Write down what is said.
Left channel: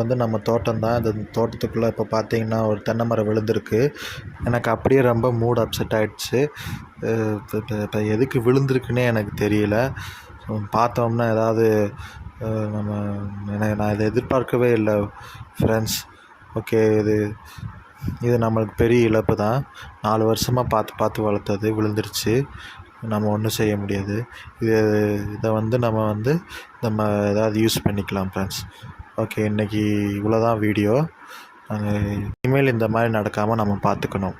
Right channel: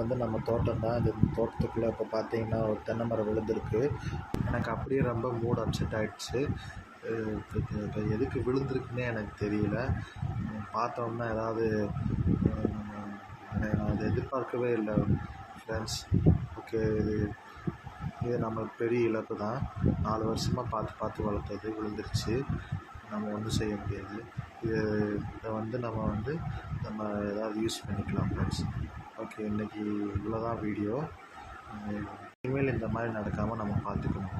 வந்து நம்ம தோட்டம் தான். இந்த தோட்டத்துக்குள்ளே இப்போ பார்த்தீங்கன்னா ஒரு தென்னை மரம் விழுந்திருக்கு. எனக்கு அப்படியே ரொம்ப மூட் அப்செட் ஆகிடுச்சு. இப்போ எதுக்கு விழுந்திருக்குன்னே எனக்கு தெரியல. பார்த்தோம்னா ஏதாவது நம்ம நான் இதை எதிர்பார்க்கவே இல்லை ஃப்ரெண்ட்ஸ். ஓகே, இது நம்மளுக்கு பெரிய இழப்பு தான். 4 வருஷமாக பார்த்து வளர்த்தது விழுந்துருச்சு. நம்ம ஒன்றும் செய்ய முடியாது. இதை வந்து நம்ம ஏதாவது யூஸ் பண்ணிக்கலாம் ஃப்ரெண்ட்ஸ். ஓகே, இன்றைக்கி இவ்வளோ தான் வீடியோ. இனிமேல் இந்த மாதிரி நடக்காமல் நம்ம பார்த்துக்கணும்.